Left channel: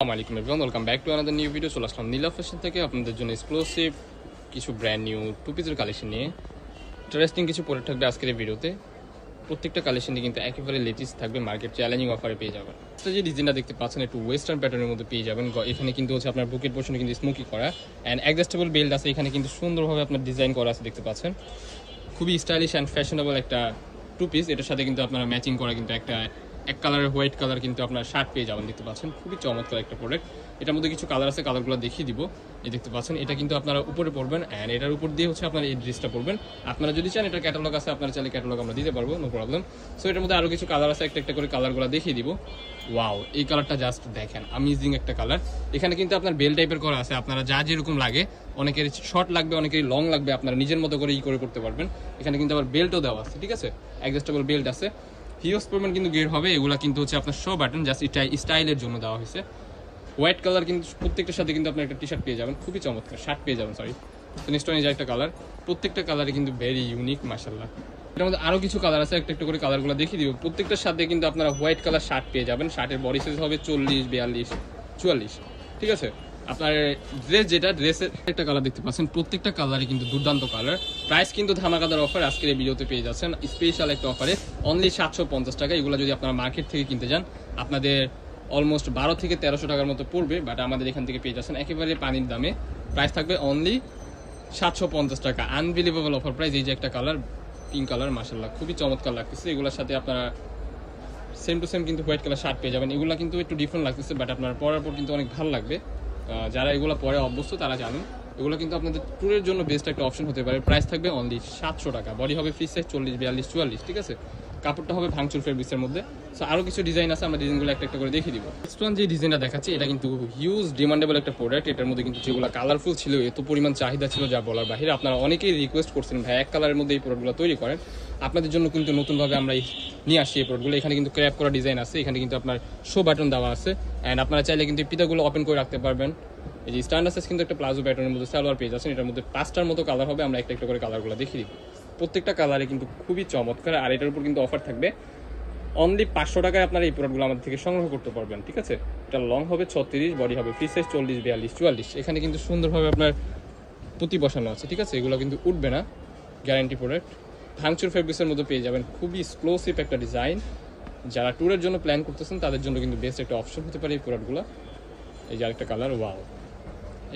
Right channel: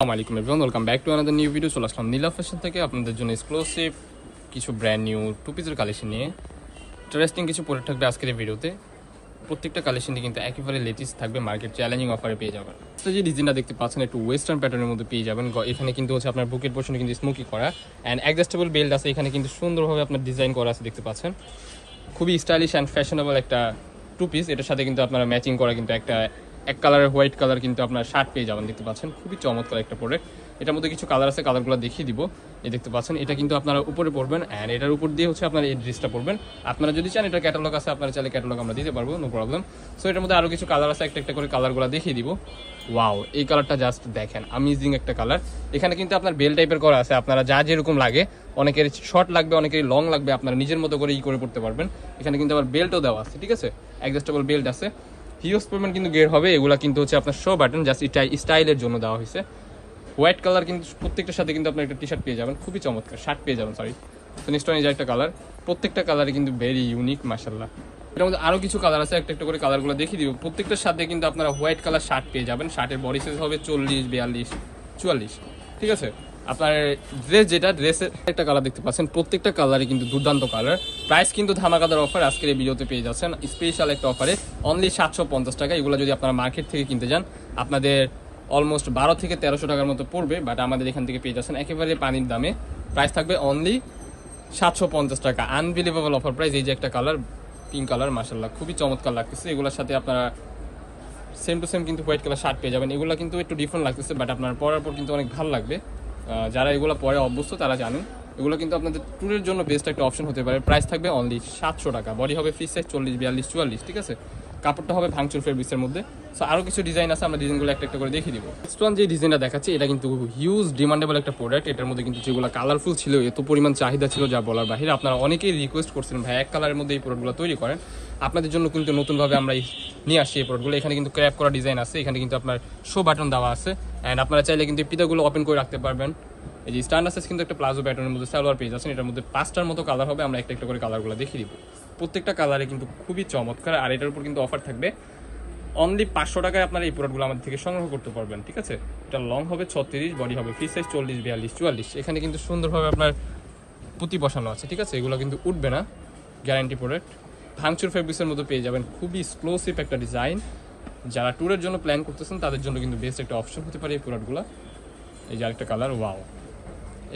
আসসালামু আলাইকুম everyone, welcome back to another new video. চলে আসলাম নীলা ফ্যাশন থেকে আপনাদের জন্য এক্সক্লুসিভ কিছু ব্র্যান্ড নিউ টু পিসের কালেকশন নিয়ে। ইন্টারেস্টিং কিছু প্রোডাক্ট থাকবে আজকের এই ভিডিওতে। প্রত্যেকটা কালেকশনই কিন্তু একেবারে লেটেস্ট থাকবে, মার্কেট চ্যালেঞ্জিং অফারে পেয়ে যাবেন। যে ডিজাইনটা দেখতে পাচ্ছেন একটু ওয়েস্টার্ন প্যাটার্নের মধ্যে পেয়ে যাবেন। এখানে কিন্তু হচ্ছে আপনার বুকের পোর্শনে কিন্তু স্মোকি করা অ্যান্ড অ্যাডজাস্টেবল বেল্ট আছে। এখানে কিন্তু সুন্দরভাবে আপনার ডিজাইন করা আছে, দেখতে পাচ্ছেন। খুবই স্টাইলিশ অ্যান্ড ফ্যাশনেবল একটা টু পিস। এটার সাথে কিন্তু আপনারা ম্যাচিং করা কিন্তু একটা এক কালারের হোয়াইট কালার কিন্তু আপনার শার্ট পেয়ে যাবেন, দেখতে পাচ্ছেন। খুবই চমৎকার একটা প্রোডাক্ট। এটার মধ্যে কিছু কালার আছে, কালারগুলো দেখিয়ে দিব। এই দেখতে পাচ্ছেন, এটা কিন্তু আপনারা উপরে পড়বেন অ্যান্ড এটার উপর দিয়ে হচ্ছে আপনারা এই ড্রেসটা পড়বেন। আপনারা যদি চান এটার ক্যাটালগ আছে, আপনারা চাইলে ক্যাটালগ আমরা দিতে পারবো, নো প্রবলেম। সো এটার মধ্যে আরো কিছু কালার আছে, একটা একটা করে কালারগুলো দেখিয়ে দিব। ওয়াও, এই কালারটা জাস্ট দেখেন, অ্যামেজিং একটা কালার। এখানে কিন্তু আপনার বেল টাইপের করা আছে, আপনারা যা যেরকম লাগে, অনেকের শর্ট লাগবে, অনেকের লং লাগবে, আপনারা নিজের মতো করে করে পড়তে পারবেন। এখানে কিন্তু আবার বেল্টও দেওয়া আছে, ঠিক আছে, অ্যাডজাস্টেবল বেল্ট আছে। হিউজ পরিমাণ কিন্তু গের হবে। এগুলা কিন্তু হচ্ছে আপনার শো বাটন, জাস্ট স্টাইলের জন্য দেওয়া হয়েছে। হোয়াইট কালার কিন্তু প্রত্যেকটার সাথে কিন্তু আপনার একটা টি শার্ট পেয়ে যাবেন, খুবই চমৎকার শার্ট পেয়ে যাবেন, সরি। তো নিশ্চয়ই যে একটা কালার, প্রত্যেকটা কালারে কিন্তু ভেরি ইউনিক, মাশাআল্লাহ। এর মধ্যে আরো কিছু কালার আছে, একটা একটা করে কালারগুলো দেখিয়ে দিব। প্রত্যেকটার সাথে কিন্তু আপনারা হোয়াইট কালার শার্ট পেয়ে যাবেন। শার্টের বডি সাইজ হবে 40, 42, 44, ঠিক আছে। আপনার ড্রেস যেটা, ড্রেসের একটা কালার দেখতে পাচ্ছেন, প্রত্যেকটা কালারই কিন্তু দুর্দান্ত কালার। প্রাইস কিন্তু ধামাকাদার অফার আজকের এই ভিডিওতে পেয়ে যাচ্ছেন, স্পেশাল একটা অফারে অনলি 750 টাকা। এগুলো যদি আপনারা মার্কেট থেকে কিনতে যান আপনাদের অলমোস্ট 12 থেকে 1300 টাকার মতো পড়বে, বাট আমাদের এখান থেকে পেয়ে যাচ্ছেন একেবারে পানির দামে। প্রাইস থাকবে অনলি 750 টাকা। Unbelievable offer price. এই যে একটা কালার, পিঙ্ক কালার, মাশাআল্লাহ খুবই চমৎকার লাগতেছে। এগুলোর সাথে আপনারা সেম টু সেম কিন্তু হোয়াইট কালার শার্ট পেয়ে যাবেন। এগুলো কিন্তু একটু ডিফারেন্ট লাগতেছে, বাট আপনার পরার পর কিন্তু অনেক ভালো লাগবে। যারা এগুলো পরে অভ্যস্ত তারা জানেন, এগুলো কিন্তু আপনাদের ট্যুরের জন্য বেস্ট একটা অপশন হতে পারে। প্রাইস থাকবে অনলি 700 টাকা। বডি হবে ফ্রি সাইজ 40, 42, 44, ঠিক আছে। কাপড়টা হবে ভাঙচুর ফেব্রিক্সের মধ্যে। সো আরো কিছু ডিজাইন আছে, আমরা ডিজাইনগুলো একটা একটা করে দেখিয়ে দিব। নেক্সট ওয়ান যে ডিজাইনটা দেখাচ্ছি, এটা কিন্তু হিউজ ডিমান্ডেবল একটা প্রোডাক্ট। এটার মধ্যে কিন্তু যেগুলো কালারফুল ছিল, এত পরিমাণ চাহিদা ছিল যা বলার বাহিরে। আপনারা অনেকেই রিকোয়েস্ট করছেন ভাই এক কালারের মধ্যে এই প্রোডাক্টগুলো তৈরি করেন। আপনাদের জন্য কিন্তু নতুনভাবে আমরা নিয়ে আসছি এই প্রোডাক্টগুলো। এখানে কিন্তু ক্র্যাপ করা ডিজাইন আছে, এখানে কিন্তু আপনার শো বাটন দেওয়া আছে অ্যান্ড আপনারা চাইলে কিন্তু পিতাগুলো ওপেন করে রাখতে পারবেন। এই যে স্ট্যান্ডার্ড সাইজ কিন্তু একটা প্লাজো প্যাটার্নের মধ্যে সালোয়ার পেয়ে যাচ্ছেন। এটার মধ্যে 5টার মতো কালার হবে, আমরা একটা একটা করে কালারগুলো দেখিয়ে দিব। প্রত্যেকটা কালারে কিন্তু খুবই চমৎকার। আর এটার উপর কিন্তু অফার থাকবে অনলি 500 টাকায় আপনারা এই প্রোডাক্টগুলো আমাদের থেকে সংগ্রহ করতে পারবেন, ঠিক আছে। এটা লং হবে 36, বডি হবে ফ্রি সাইজ 40, 42, 44। এখানে কিন্তু সুন্দরভাবে আপনার পুঁতি বসানো আছে, ঠিক আছে। এগুলো কিন্তু উঠবে না, গ্যারান্টি প্রোডাক্ট। ভাঙচুর ফেব্রিক্সের মধ্যে পেয়ে যাবেন, খুবই এক্সক্লুসিভ একটা ডিজাইন। যারা ট্যুরের জন্য প্ল্যান করতেছেন তাদের জন্য কিন্তু বেস্ট একটা অপশন হতে পারে এই প্রোডাক্টগুলো। এই যে আরেকটা কালার, ওয়াও,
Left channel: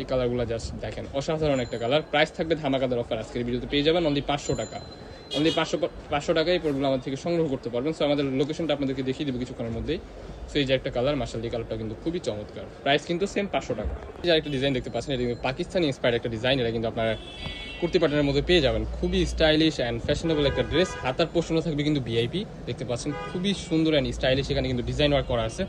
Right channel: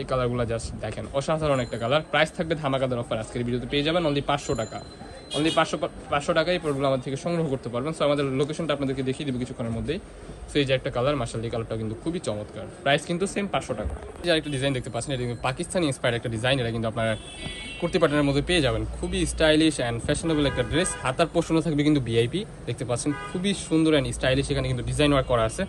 এই কালারগুলো জাস্ট দেখেন, অসাধারণ একটা কালার। প্রাইস থাকবে ধামাকাদার অফার আজকের ভিডিওতে পেয়ে যাবেন অনলি 500 টাকা। অনলি 500 টাকায় এই প্রোডাক্টগুলো আমাদের থেকে সংগ্রহ করতে পারবেন। সো আমাদের লোকেশনটা আপনাদেরকে দেখিয়ে দিব কিছুক্ষণের মধ্যেই। সো এই যে একটা কালার, মাশাআল্লাহ, এই কালারটা কিন্তু খুবই চমৎকার। প্রাইস কিন্তু সেম 500 টাকা। এই যে একটা ডিজাইন দেখতে পাচ্ছেন, এটা কিন্তু পাকিস্তানি ইন্সপায়ার্ড একটা ডিজাইন। এটা কিন্তু আপনারা কুর্তি প্যাটার্নের মধ্যে পেয়ে যাবেন। খুবই স্টাইলিশ অ্যান্ড ফ্যাশনেবল একটা ড্রেস। হাতার পোর্শনও থাকবে কিন্তু ভিআইপি, দেখতে পাচ্ছেন, খুবই সুন্দর অ্যান্ড স্টাইলিশ। এখানে কিন্তু ডিজাইন ওয়ার্ক করা আছে।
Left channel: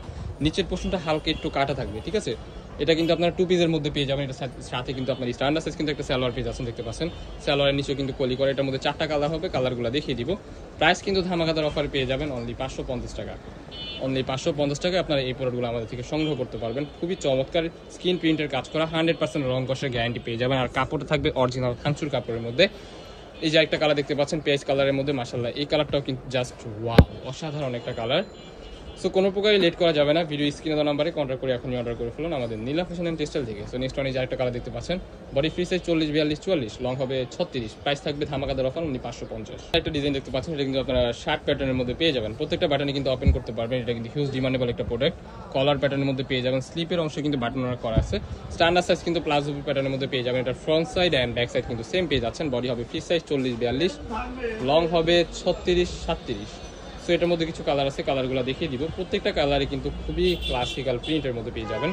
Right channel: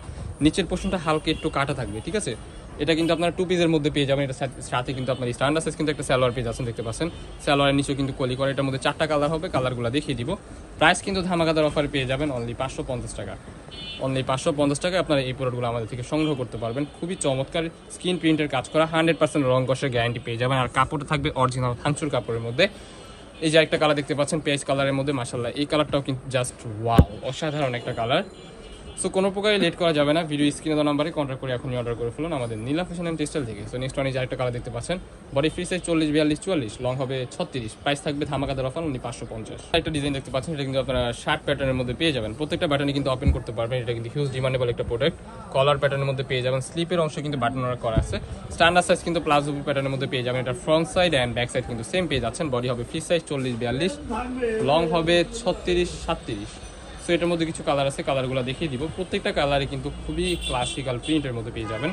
নিচের পোর্শনটা হালকা একটু কাটা থাকবে, ঠিক আছে। এটা কিন্তু আপনারা টু পিসের মধ্যে পেয়ে যাবেন। এটার সাথে কিন্তু আপনার স্ট্যান্ডার্ড সাইজ কিন্তু একটা সালোয়ার পেয়ে যাচ্ছেন, দেখতে পাচ্ছেন। সালোয়ারের নিচেও কিন্তু কলি করে। এটার মধ্যে 4টা কালার হবে, কালারগুলো দেখিয়ে দিব। প্রাইস কিন্তু ধামাকাদার অফারে পেয়ে যাবেন অনলি 550 টাকা। অনলি 550 টাকায় আপনারা এই প্রোডাক্টগুলো আমাদের থেকে সংগ্রহ করতে পারবেন। খুবই চমৎকার স্ক্রিন প্রিন্টের কাজ করা, 100% রং কষের গ্যারান্টি পেয়ে যাবেন। আর কাপড়টা থাকবে অরিজিনাল ভাঙচুর কাপড়ের মধ্যে। এই যে একটা কালার দেখতে পাচ্ছেন, পেজ কালারের মধ্যে, মাশাআল্লাহ, এই কালারটাও কিন্তু জাস্ট ওয়াও, অসাধারণ একটা কালার। সো কোনো প্রকারই লেট করা যাবে না, ভিডিও স্ক্রিনে দেওয়া নাম্বারে কন্ট্যাক্ট করে এখনই অর্ডার করে ফেলুন আমাদের নীলা ফ্যাশন এন্ড টেক্সটাইল থেকে। সো নেক্সট ওয়ান এই যে একটা কালার দেখতে পাচ্ছেন, বডি ফ্রি সাইজ 40, 42, 44, লং হবে 36। প্রাইস থাকবে ধামাকাদার অফার অনলি 550। একটা ডিজাইন দেখতে পাচ্ছেন, এটা কিন্তু আপনারা শার্ট প্যাটার্নের মধ্যে পেয়ে যাবেন। প্রত্যেকটা বাটনে কিন্তু ওপেন করতে পারবেন। এটা কিন্তু হিউজ ডিমান্ডেবল একটা প্রোডাক্ট। কলার প্যাটার্নের মধ্যে পেয়ে যাবেন, স্লিপের অংশ কিন্তু বাটন ওয়ার্ক করা আছে। স্ট্যান্ডার্ড সাইজ কিন্তু প্লাজো প্যাটার্নের মধ্যে পেয়ে যাবেন। এটা front side and back side কিন্তু সেম পেয়ে যাচ্ছেন। বডি হবে ফ্রি সাইজ 40, 42, লং হবে 36, 37। সো এটার মধ্যে কিছু কালার আছে, কালারগুলো দেখিয়ে দিব। প্রত্যেকটা কালারে কিন্তু খুবই ক্লাসিক্যাল প্রিন্টের মধ্যে পেয়ে যাবেন।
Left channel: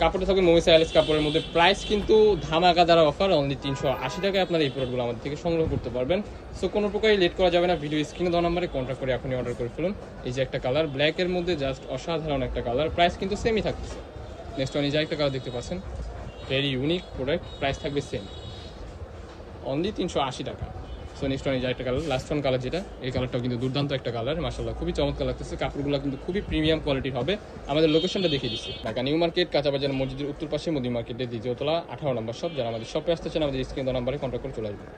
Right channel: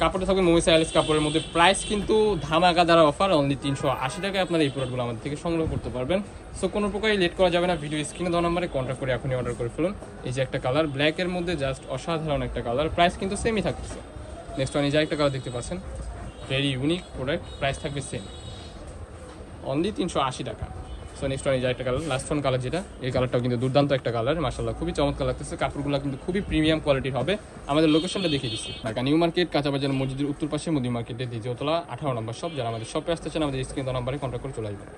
কাপড়টা থাকবে মোমিস আইলেস কাপড়ের মধ্যে। প্রাইস কিন্তু ধামাকাদার অফার অনলি 380 টাকায় আপনারা এই প্রোডাক্টগুলো আমাদের থেকে সংগ্রহ করতে পারবেন। সো কোনো প্রকারই লেট করা যাবে না, ভিডিও স্ক্রিনে দেওয়া নাম্বারে কন্ট্যাক্ট করে এখনই অর্ডার করে ফেলুন। এই যে একটা কালার, ব্ল্যাকের মধ্যে জাস্ট অসাধারণ একটা কালার। প্রাইস কিন্তু সেমই থাকছে। নেক্সট ওয়ান এই যে একটা কালার দেখতে পাচ্ছেন, ভেরি ইউনিক প্রোডাক্ট। প্রাইস থাকবে সেম অনলি 380 টাকা। সো নেক্সট ওয়ান এই যে একটা কালার, লাস্ট ওয়ান কালার যেটা, এই কালারটাও কিন্তু দুর্দান্ত একটা কালার, মাশাআল্লাহ, খুবই চমৎকার লাগতেছে। কাপড়গুলো কিন্তু খুবই প্রিমিয়াম কোয়ালিটির হবে। আমাদের লোকেশনটা দেখিয়ে দিচ্ছি, ঢাকা নিউ মার্কেট, কাঁচাবাজার মসজিদের উত্তর পাশে, মোদি মার্কেটের দ্বিতীয় তলা, 18 নম্বর শপ। যারা আমাদের শপে আসতে চান আমাদের স্ক্রিনে দেওয়া নাম্বারে কন্ট্যাক্ট করে চলে আসবেন।